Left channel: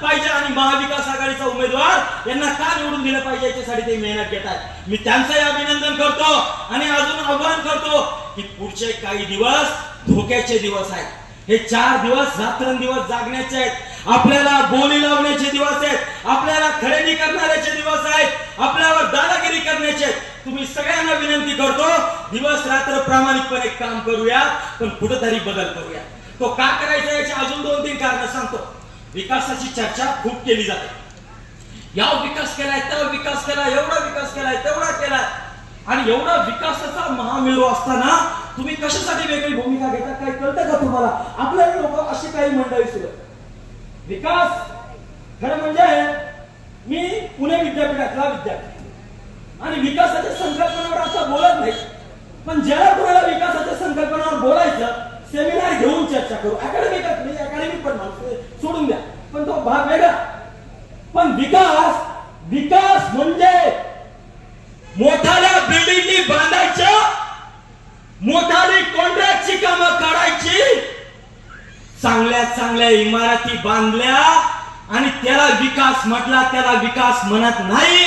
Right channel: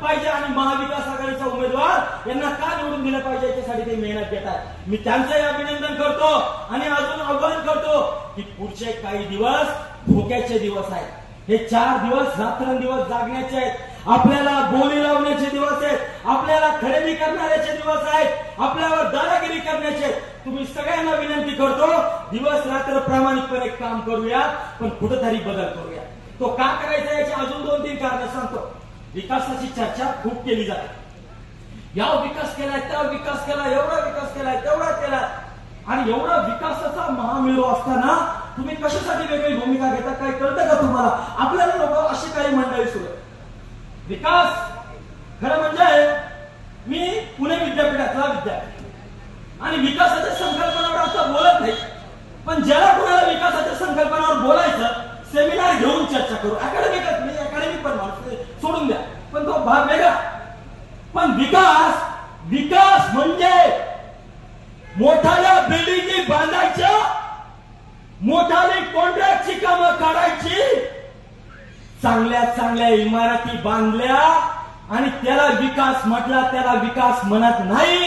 पाहिजे आणि महाविकास आघाडीचा उमेदवार यांना का निवडून दिलं पाहिजे याच्यासाठी ते मेहनत घेतात। मी त्यांचंही अभिनंदन करतो आणि अजून आवाहन करतो की पुढचे काही दिवस धोक्याचे दिवस आहेत। हे 4 दिवस रात्रंदिवस जागण्याचे आहेत, आपल्याला बोली लावण्याचे दिवस आहेत, आपल्याला खरेदी करण्याचे दिवस आहेत, आपल्यावर दादागिरी करण्याचे आहेत। तुम्ही सगळ्यांना विनंती करतो दिवस रात्र प्रामाणिकपणे काम करूया, पण कुठेतरी बदल करूया। तो का करायचा याची अजून 2-3 कारण सांगतो। विकासाची चर्चा खूप केली जाते, या विकास केलाय, त्या विकास केलाय, एवढा विकास केलाय, तेवढा केलाय, आणि एवढा विकासाचा महामेरू असताना तुम्ही कशासाठी वेगळी भूमिका घेता काय कळतं का तुम्हाला? आपल्याला लोक अशी काही मंडळी सुरू आहे। विकास खरं म्हणजे मी पुणे विद्यापीठातला विद्यार्थी आणि विकासाच्या संकल्पनावर आता बोलत नाही, पण ज्याला कोणाला विकासाच्या संकल्पनावर बोलायचं सेमिनार घेऊन चर्चा करू। अकॅडमिक पण माणूस सोडून द्या, पण तो भाग वेगळा। पण विकास म्हणजे मोठाल्या बिल्डिंगी बांधायच्या, मोठाली कॉन्ट्रॅक्टची कामं काढायची, चांगल्या चांगल्या इमारती बांधल्या आणि त्याला विकास म्हटला, त्याला विकास म्हणत नाही।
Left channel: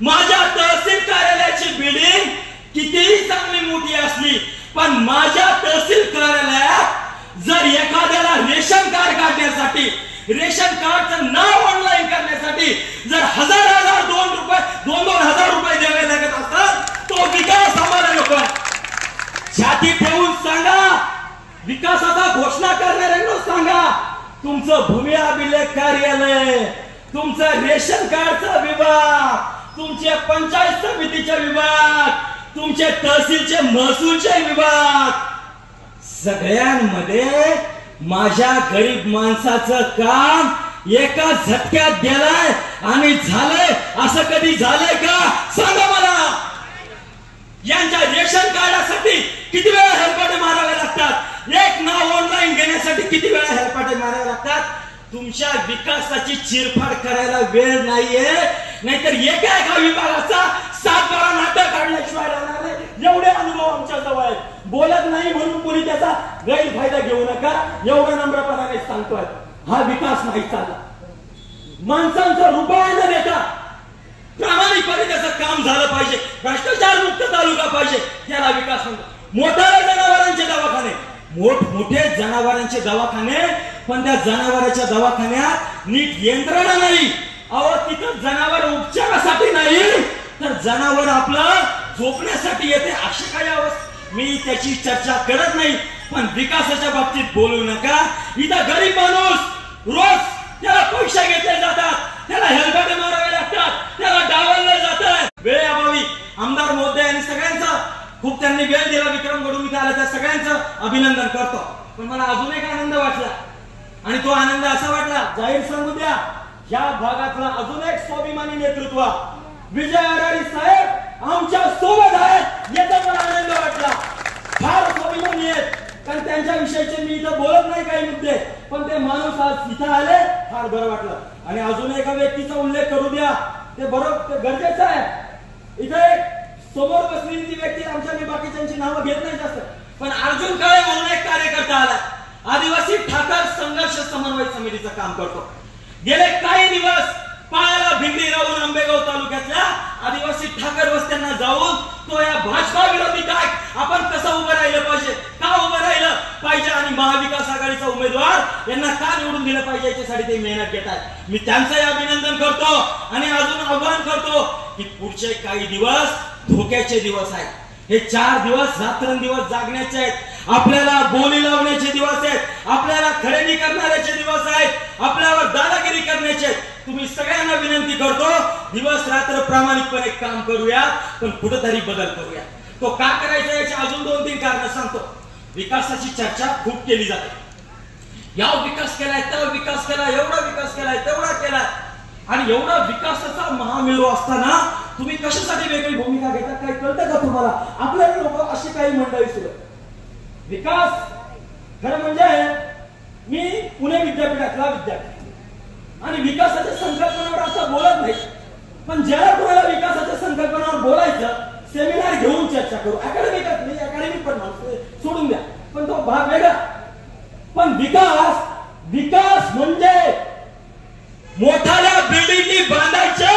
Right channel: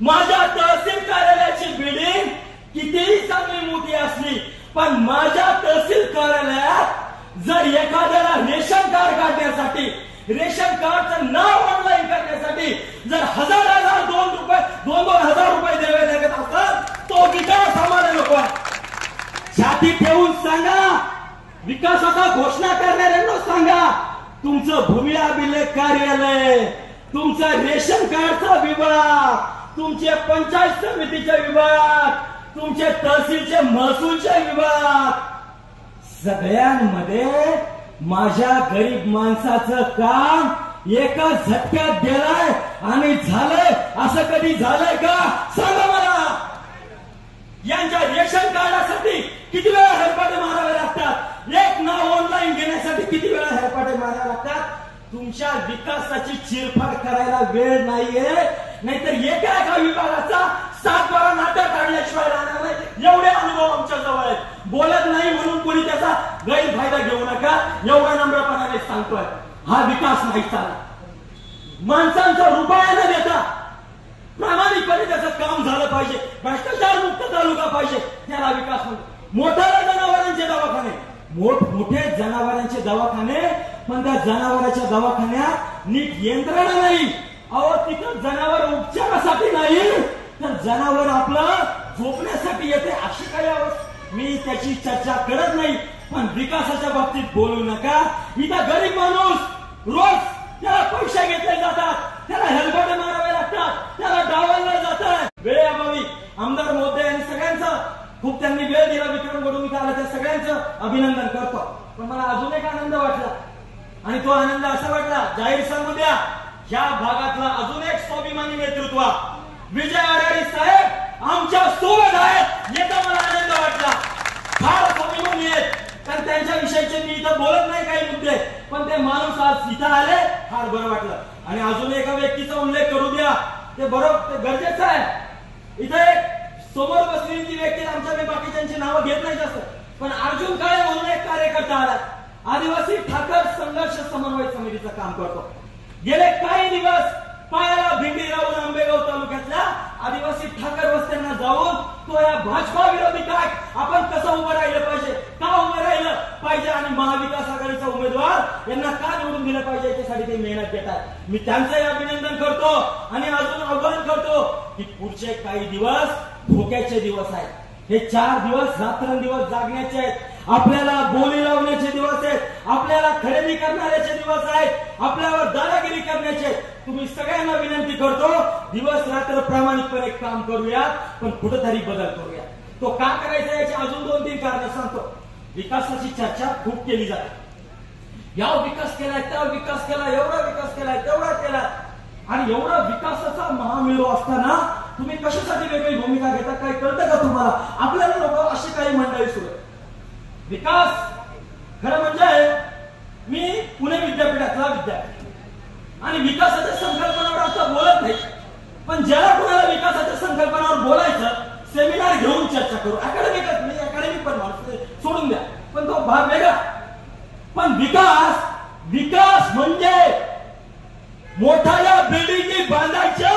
माझ्या तहसील कार्यालयाची बिल्डिंग कितीही चांगली मोठी असली, पण माझ्या तहसील कार्यालयात जर एखाद्याला रेशन कार्ड काढण्यासाठी, रेशन कार्डचं नाव ऑनलाईन करण्यासाठी जर हजार 2,000 रुपये द्यावे लागत असतात, तो विकास आम्हाला नको आहे। छाती ठेवून सांगा, विकासाचा घोषणा करणाऱ्यांना सांगा, तुमचं भूमी अभिलेख कार्यालय, तुमचं रेशन कार्डचा विभाग, तुमचे पंचायत समितीचे विभाग, तुमचे तहसीलचे महसूलचे विभाग, सगळ्यांमध्ये माझ्या गरीब माणसाचं काम एका झटक्यात गेलाय आणि झालंय असं कधी झालंय का? सांगा मला। यांच्या रेशन कार्डासाठी किती वेळा हेलपाटे मारावे लागतात, एक नाव ऑनलाईन घेण्यासाठी किती वेळा हेलपाटे मारावे लागतात। तुमच्या विकासाची चिरफाड करायला वेळ नाहीये, नाहीतर एका विभागाचा 7 बारा नाटक काढल्याशिवाय राहणार नाही। एवढे अनुभव आमच्या जवळ आहेत। बोलत नाही म्हणून कोणी त्याचा गैरफायदा घेऊ नका, एवढा नम्रपणाने सांगतोय। हा विकास नाही चालला, माणसांचं रुपया न देता प्रामाणिकपणे त्याचं काम झालं पाहिजे, भ्रष्टाचार मुक्त तालुका पाहिजे, त्याला विकास म्हणतो। मोठ्या जनावरांचे दवाखाने, मोठमोठे जनावरांचे दवाखाने, पण त्या जनावरांच्या दवाखान्यात नीट यंत्रणा नाही। अहो तिथं जनावर उपचारासाठी नाही तर जनावर आपलं झोपण्यासाठी येते, अशी काही अवस्था। मी त्याची चर्चा करत नाही, पण विकासाच्या बाबतीत बोलू नका। इथं गरीब माणूस रोज त्याला पैसे घेतले जातात, त्याला हेलपाटे मारावे लागतात, त्याला डावललं जातं वेळेअभावी। आमदार महोदय आणि सगळ्यांचं खूप त्यांनी वेळ दिला, विक्रम गडून इथे आला, त्या सगळ्यांचं अभिनंदन करतो। पण मला अजून एक आनंद वाटला, आणि तो आनंद असा वाटला, जाहीर सांगू द्या, या भागातला अजून एक स्वाभिमानी नेतृत्व विजय आढाडी साहेब आमच्या सोबत आहेत, याचा मला आनंद वाटला। फार स्वाभिमानी आहेत, कारण त्यांच्या विषयीचे मी इथं बोलत नाही काही मुद्दे, पण ते माणूस आज इथं आले, फार बरं वाटलं। आणि अजून एका व्यक्तीचा उल्लेख करू द्या, ते बरोबर गरजेचं आहे। इथे एक समोर बसलेली ती व्यक्ती, आमच्या मी बाकीच्यांची नावं घेत नाही जास्त, पण अर्जुन काळे म्हणून एक कार्यकर्ता आला, आदिवासी ठाकर संघर्ष समन्वय समितीचं काम करतो। गेले काही दिवस पायाला भिंगरी लावून आंबेगाव तालुक्यातल्या आदिवासी ठाकर वस्त्यांना जाऊन तो या भाजपा विरोधी काय आपण कसं उभं राहिलं पाहिजे, का उभं राहिलं पाहिजे आणि महाविकास आघाडीचा उमेदवार यांना का निवडून दिलं पाहिजे याच्यासाठी ते मेहनत घेतात। मी त्यांचंही अभिनंदन करतो आणि अजून आवाहन करतो की पुढचे काही दिवस धोक्याचे दिवस आहेत। हे 4 दिवस रात्रंदिवस जागण्याचे आहेत, आपल्याला बोली लावण्याचे दिवस आहेत, आपल्याला खरेदी करण्याचे दिवस आहेत, आपल्यावर दादागिरी करण्याचे आहेत। तुम्ही सगळ्यांना विनंती करतो दिवस रात्र प्रामाणिकपणे काम करूया, पण कुठेतरी बदल करूया। तो का करायचा याची अजून 2-3 कारण सांगतो। विकासाची चर्चा खूप केली जाते, या विकास केलाय, त्या विकास केलाय, एवढा विकास केलाय, तेवढा केलाय, आणि एवढा विकासाचा महामेरू असताना तुम्ही कशासाठी वेगळी भूमिका घेता काय कळतं का तुम्हाला? आपल्याला लोक अशी काही मंडळी सुरू आहे। विकास खरं म्हणजे मी पुणे विद्यापीठातला विद्यार्थी आणि विकासाच्या संकल्पनावर आता बोलत नाही, पण ज्याला कोणाला विकासाच्या संकल्पनावर बोलायचं सेमिनार घेऊन चर्चा करू। अकॅडमिक पण माणूस सोडून द्या, पण तो भाग वेगळा। पण विकास म्हणजे मोठाल्या बिल्डिंगी बांधायच्या,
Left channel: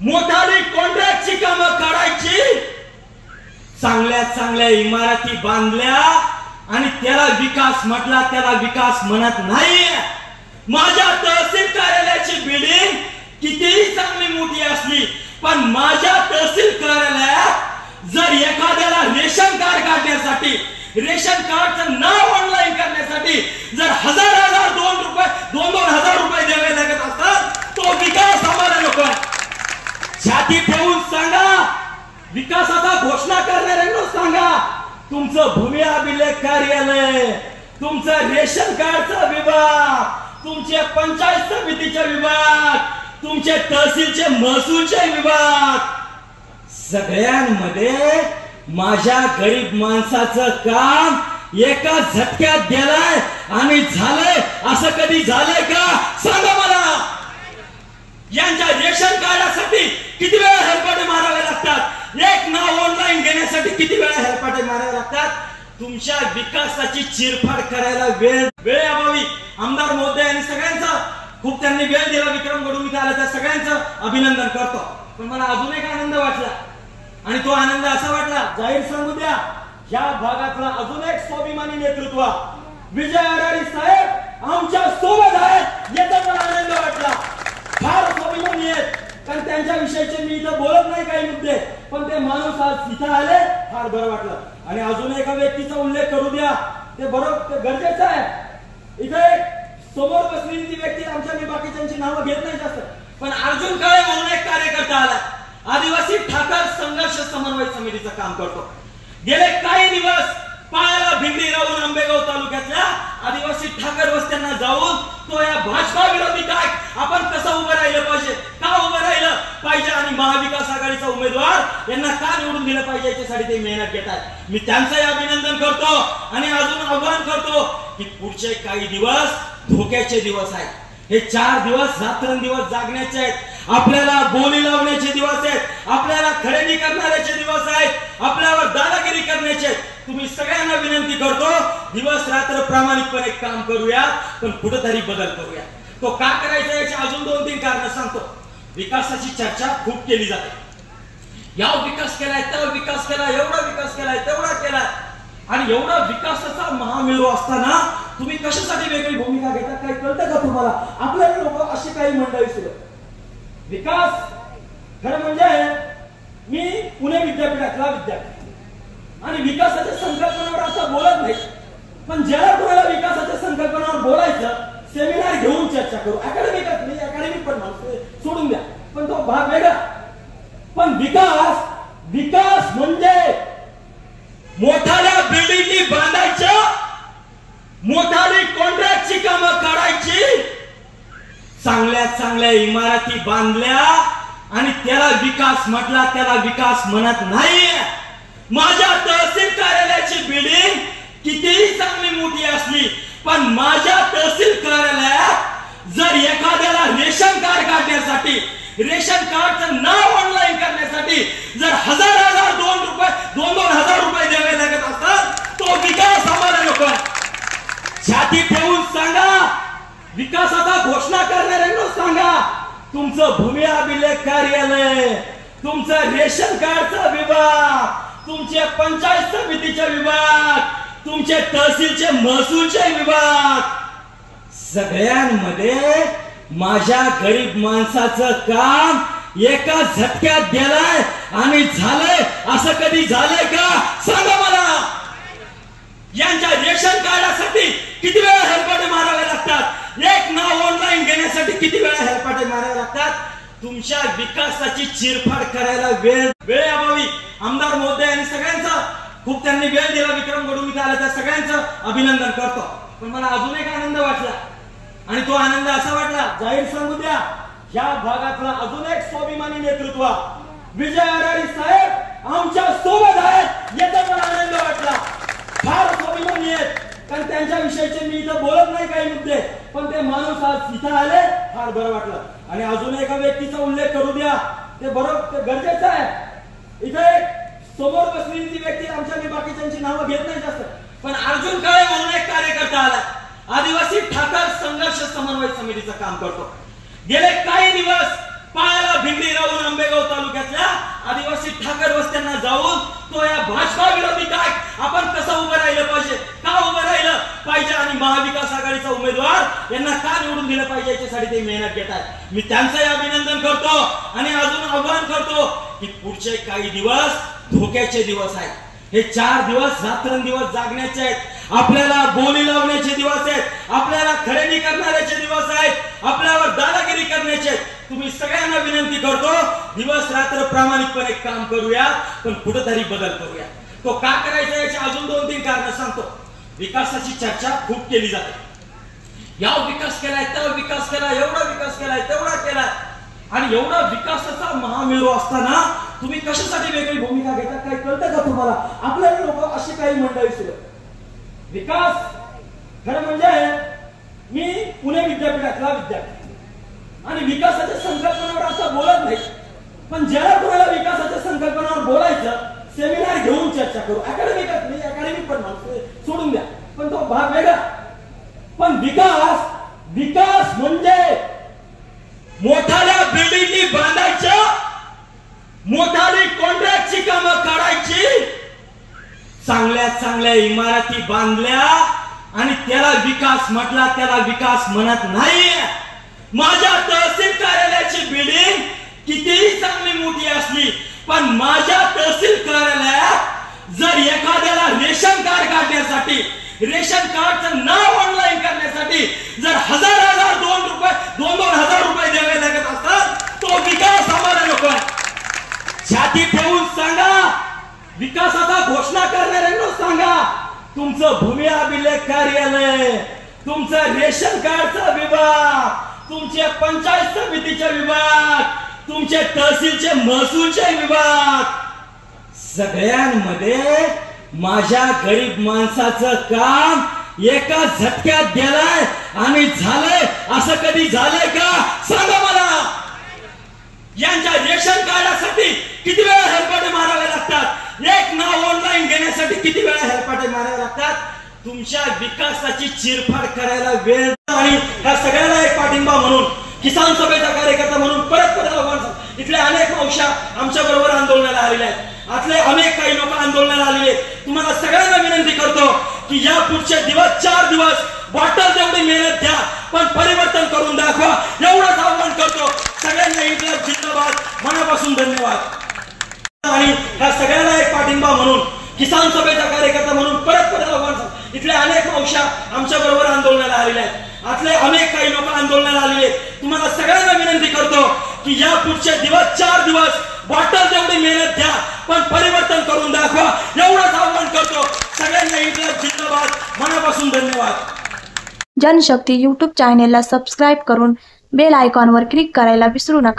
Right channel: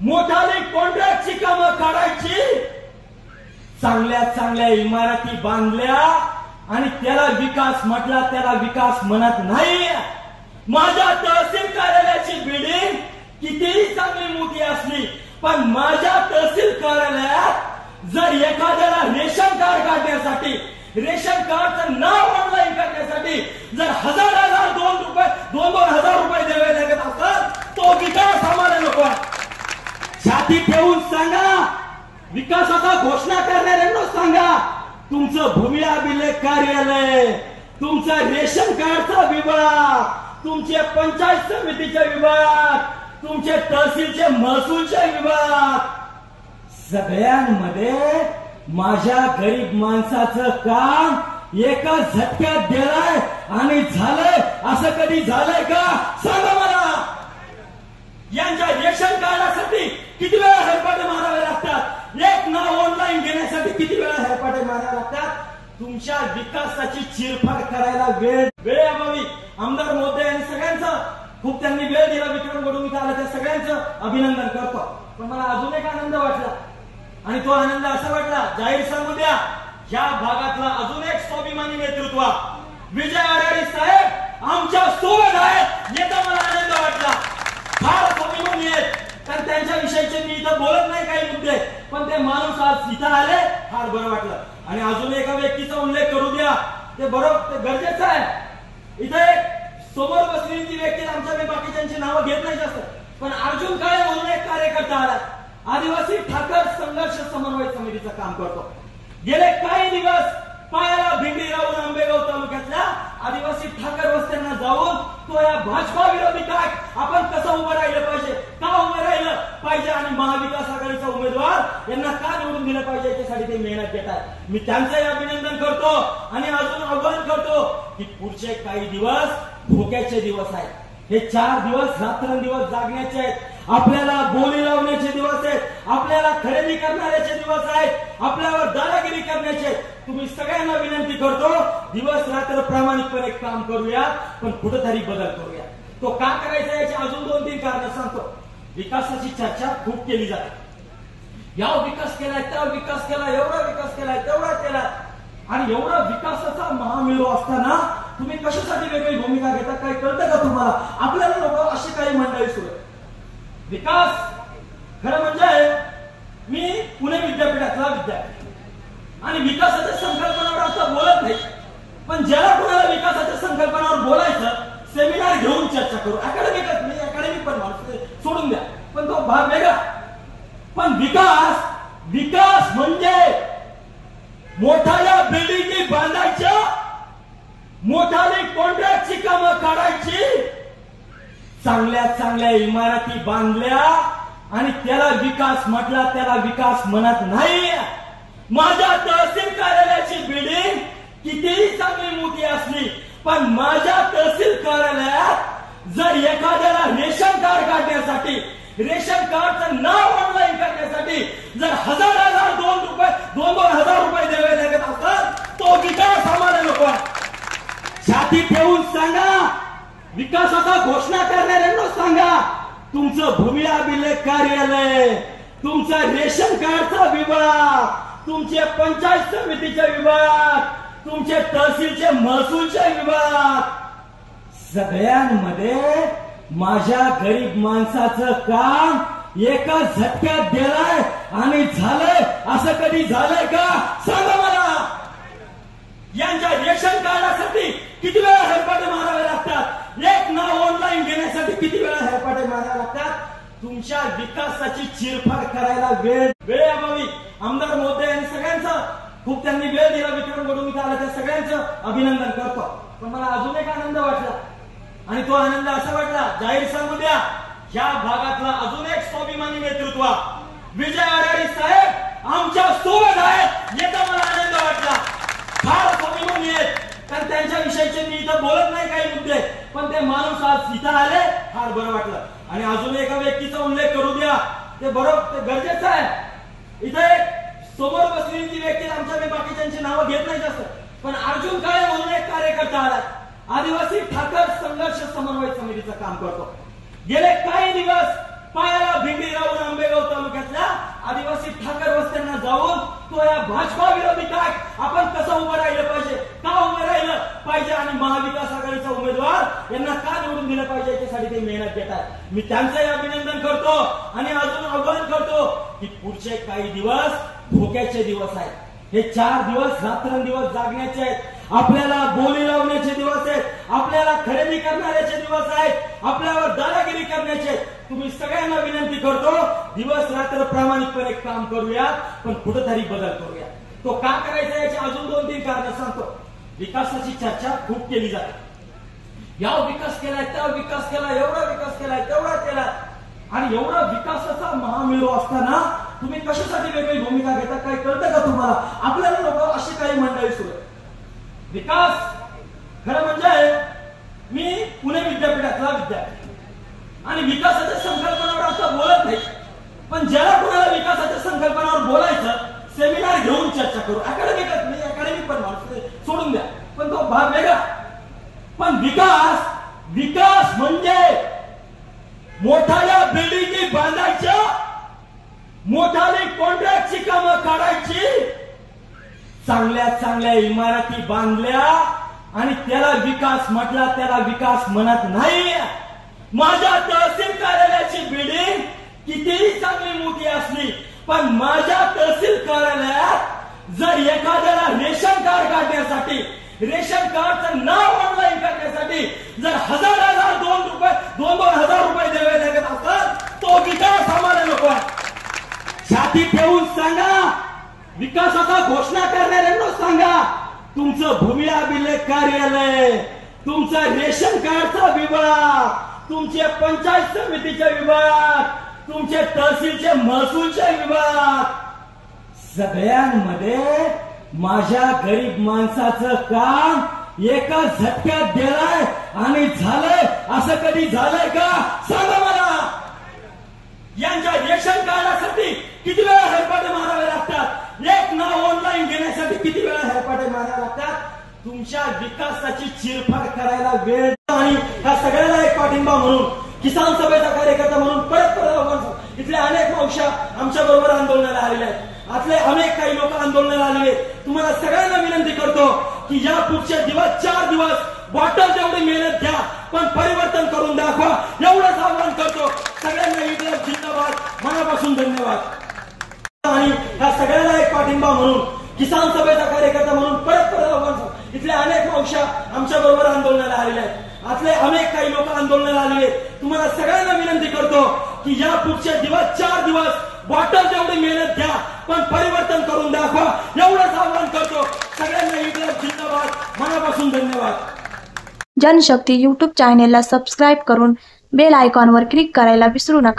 मोठाली कॉन्ट्रॅक्टची कामं काढायची, चांगल्या चांगल्या इमारती बांधल्या आणि त्याला विकास म्हटला, त्याला विकास म्हणत नाही. माझ्या तहसील कार्यालयाची बिल्डिंग कितीही चांगली मोठी असली पण माझ्या तहसील कार्यालयात जर एखाद्याला रेशन कार्ड काढण्यासाठी, रेशन कार्डचं नाव ऑनलाईन करण्यासाठी जर हजार 2,000 रुपये द्यावे लागत असतात, तो विकास आम्हाला नको. छाती ठेवून सांगा, विकासाचा घोषणा करणाऱ्यांना सांगा, तुमचं भूमी अभिलेख कार्यालय, तुमचं रेशन कार्डचा विभाग, तुमचे पंचायत समितीचे विभाग, तुमचे तहसीलचे महसूलचे विभाग, सगळ्यांमध्ये माझ्या गरीब माणसाचं काम एका झटक्यात गेलाय आणि झालंय. असं कधी झालंय का सांगा मला. यांच्या रेशन कार्डासाठी किती वेळा हेरपाटे मारावे लागतात, एक नाव ऑनलाईन घेण्यासाठी किती वेळा हेरपाटे मारावे लागतात. तुमच्या विकासाची चिरफाड करायला वेळेअभावी आमदार महोदय आणि सगळ्यांचं खूप त्यांनी वेळ दिला. विक्रम गडू इथे आला, त्या सगळ्यांचं अभिनंदन करतो. पण मला अजून एक आनंद वाटला आणि तो आनंद असा वाटला, जाहीर सांगू द्या, या भागातला अजून एक स्वाभिमानी नेतृत्व विजय अडारी साहेब आमच्या सोबत आहेत, याचा मला आनंद वाटला. फार स्वाभिमानी आहेत, कारण त्यांच्या विषयीचे मी इथं बोलत नाही काही मुद्दे, पण ते माणूस आज इथं आले, फार बरं वाटलं. आणि अजून एका व्यक्तीचा उल्लेख करू द्या, ते बरोबर ते गरजेचं आहे. इथे समोर बसलेली ती व्यक्ती, आमच्या मी बाकीच्यांची नावं घेत नाही जास्त, पण अर्जुन काळे म्हणून एक कार्यकर्ता आला, आदिवासी ठाकर संघर्ष समन्वय समितीचं काम करतो. गेले काही दिवस पायाला भिंगरी राहून आंबेगाव तालुक्यातल्या आदिवासी ठाकर वस्त्यांना जाऊन तो या भाजपा विरोधी काय आपण कसं उभं राहिलं पाहिजे, का उभं राहिलं पाहिजे आणि महाविकास आघाडीचा उमेदवार यांना का निवडून दिलं पाहिजे याच्यासाठी ते मेहनत घेत आहेत. मी त्यांचंही अभिनंदन करतो आणि अजून आवाहन करतो की पुढचे काही दिवस धोक्याचे दिवस आहेत. हे 4 दिवस रात्रंदिवस जागण्याचे आहेत, आपल्याला बोली लावण्याचे दिवस आहेत, आपल्याला खरेदी करण्याचे दिवस आहेत, आपल्यावर दादागिरी करण्याचे आहेत. तुम्ही सगळ्यांना विनंती करतो, दिवस रात्र प्रामाणिकपणे काम करूया, पण कुठेतरी बदल करूया. तो का करायचा याची अजून 2-3 कारण सांगतो. विकासाची चर्चा खूप केली जाते, या विकास केलाय, त्या विकास केलाय, एवढा विकास केलाय, तेवढा केलाय, आणि एवढा विकासाचा महामेरू असताना तुम्ही कशासाठी वेगळी भूमिका घेता, काही कळतं का तुम्हाला? आपल्याला लोक अशी काही मंडळी सुरू आहे. विकास खरं म्हणजे मी पुणे विद्यापीठातला विद्यार्थी आणि विकासाच्या संकल्पनावर आता बोलत नाही, पण ज्याला कोणाला विकासाच्या संकल्पनावर बोलायचं, सेमिनार घेऊन चर्चा करू. अकॅडमिक पण माणूस सोडून द्या, पण तो भाग वेगळा. पण विकास म्हणजे मोठाल्या बिल्डिंगी बांधायच्या, मोठाली कॉन्ट्रॅक्टची कामं काढायची, चांगल्या चांगल्या इमारती बांधल्या आणि त्याला विकास म्हटला, त्याला विकास म्हणत नाही. माझ्या तहसील कार्यालयाची बिल्डिंग कितीही चांगली मोठी असली पण माझ्या तहसील कार्यालयात जर एखाद्याला रेशन कार्ड काढण्यासाठी, रेशन कार्डचं नाव ऑनलाईन करण्यासाठी जर हजार 2,000 रुपये द्यावे लागत असतात, तो विकास आम्हाला नको. छाती ठेवून सांगा, विकासाचा घोषणा करणाऱ्यांना सांगा, तुमचं भूमी अभिलेख कार्यालय, तुमचं रेशन कार्डचा विभाग, तुमचे पंचायत समितीचे विभाग, तुमचे तहसीलचे महसूलचे विभाग, सगळ्यांमध्ये माझ्या गरीब माणसाचं काम एका झटक्यात गेलाय आणि झालंय. असं कधी झालंय का सांगा मला. यांच्या रेशन कार्डासाठी किती वेळा हेरपाटे मारावे लागतात, एक नाव ऑनलाईन घेण्यासाठी किती वेळा हेरपाटे मारावे लागतात. तुमच्या विकासाची चिरफाड करायला वेळेअभावी आमदार महोदय आणि सगळ्यांचं खूप त्यांनी वेळ दिला. विक्रम गडू इथे आला, त्या सगळ्यांचं अभिनंदन करतो. पण मला अजून एक आनंद वाटला आणि तो आनंद असा वाटला, जाहीर सांगू द्या, या भागातला अजून एक स्वाभिमानी नेतृत्व विजय अडारी साहेब आमच्या सोबत आहेत, याचा मला आनंद वाटला. फार स्वाभिमानी आहेत, कारण त्यांच्या विषयीचे मी इथं बोलत नाही काही मुद्दे, पण ते माणूस आज इथं आले, फार बरं वाटलं. आणि अजून एका व्यक्तीचा उल्लेख करू द्या, ते बरोबर गरजेचं आहे. इथे समोर बसलेली ती व्यक्ती, आमच्या मी बाकीच्यांची नावं घेत नाही जास्त, पण अर्जुन काळे म्हणून एक कार्यकर्ता आला, आदिवासी ठाकर संघर्ष समन्वय समितीचं काम करतो. गेले काही दिवस पायाला भिंगरी राहून आंबेगाव तालुक्यातल्या आदिवासी ठाकर वस्त्यांना जाऊन तो या भाजपा विरोधी काय आपण कसं उभं राहिलं पाहिजे, का उभं राहिलं पाहिजे आणि महाविकास आघाडीचा उमेदवार यांना का निवडून दिलं पाहिजे याच्यासाठी ते मेहनत घेत आहेत। मी त्यांचंही अभिनंदन करतो आणि अजून आवाहन करतो की पुढचे काही दिवस धोक्याचे दिवस आहेत। हे 4 दिवस रात्रंदिवस जागण्याचे आहेत, आपल्याला बोली लावण्याचे दिवस आहेत, आपल्याला खरेदी करण्याचे दिवस आहेत, आपल्यावर दादागिरी करण्याचे। तुम्ही सगळ्यांना विनंती करतो दिवस रात्र प्रामाणिकपणे काम करूया, पण कुठेतरी बदल करूया। तो का करायचा याची अजून 2-3 कारण सांगतो। विकासाची चर्चा खूप केली जाते, या विकास केलाय, त्या विकास केलाय, एवढा विकास केलाय, तेवढा केलाय, आणि एवढा विकासाचा महामेरू असताना तुम्ही कशासाठी वेगळी भूमिका घेता काय कळतं का तुम्हाला? आपल्याला लोक अशी काही मंडळी सुरू आहे। विकास खरं म्हणजे मी पुणे विद्यापीठातला विद्यार्थी आणि विकासाच्या संकल्पनावर असं बोलत नाही, पण ज्याला कुणाला विकासाच्या संकल्पनावर बोलायचं सेमिनार घेऊन चर्चा करू। अकॅडमिकच नाही, अकॅडमिक पण माणूस सोडून द्या, पण तो भाग वेगळा। पण विकास म्हणजे मोठाल्या बिल्डिंगी बांधायच्या, मोठाली कॉन्ट्रॅक्टची कामं काढायची, चांगल्या इमारती बांधल्या आणि त्याला विकास म्हटला, त्याला विकास म्हणत नाही। माझ्या तहसील कार्यालयाची बिल्डिंग कितीही चांगली मोठी असली, पण माझ्या तहसील कार्यालयात जर एखाद्याला रेशन कार्ड काढण्यासाठी, रेशन कार्डचं नाव ऑनलाईन करण्यासाठी जर हजार 2,000 रुपये द्यावे लागत असतात, तो विकास आम्हाला नको आहे। छाती ठेवून सांगा, विकासाचा घोषणा करणाऱ्यांना सांगा, तुमचं भूमी अभिलेख कार्यालय, तुमचं रेशन कार्डचा विभाग, तुमचे पंचायत समितीचे विभाग, तुमचे तहसीलचे महसूलचे विभाग, सगळ्यांमध्ये माझ्या गरीब माणसाचं काम एका झटक्यात गेलाय आणि झालंय असं कधी झालंय का सांगा मला? यांच्या रेशन कार्डासाठी किती वेळा हेलपाटे मारावे लागतात, एक नाव ऑनलाईन घेण्यासाठी किती वेळा हेलपाटे मारावे लागतात। तुमच्या विकासाची चिरफाड करायला वेळ आणि ह्या सगळ्याला एक पाठिंबा म्हणून किसान सभेचा कार्यकर्ता म्हणून परत इथल्या अनेक मावश्या आमच्या बरोबर आंदोलनाला आलेल्या आहेत, आतले अनेक काही लोक आंदोलनाला आलेले। तुम्हाला सगळ्यांना विनंती करतो की या पुढचे दिवस 4 दिवस बॉटल जेवढी मेहनत घ्या, पण परिवर्तन करून दाखवा, एवढंच आव्हान करतो। सगळ्यांना इन्क्लाब जिंदाबाद, मनापासून धन्यवाद। आणि ह्या सगळ्याला एक पाठिंबा म्हणून किसान सभेचा कार्यकर्ता म्हणून परत इथल्या अनेक मावश्या आमच्या बरोबर आंदोलनाला आलेल्या आहेत, आतले अनेक काही लोक आंदोलनाला आलेले। तुम्हाला सगळ्यांना विनंती करतो की या पुढचे दिवस 4 दिवस बॉटल जेवढी मेहनत घ्या, पण परिवर्तन करून दाखवा, एवढंच आव्हान करतो। सगळ्यांना इन्क्लाब जिंदाबाद, मनापासून धन्यवाद। जनशक्ती YouTube चॅनेलला सबस्क्राईब करून बेल आयकॉनवर क्लिक करायला विसरू नका।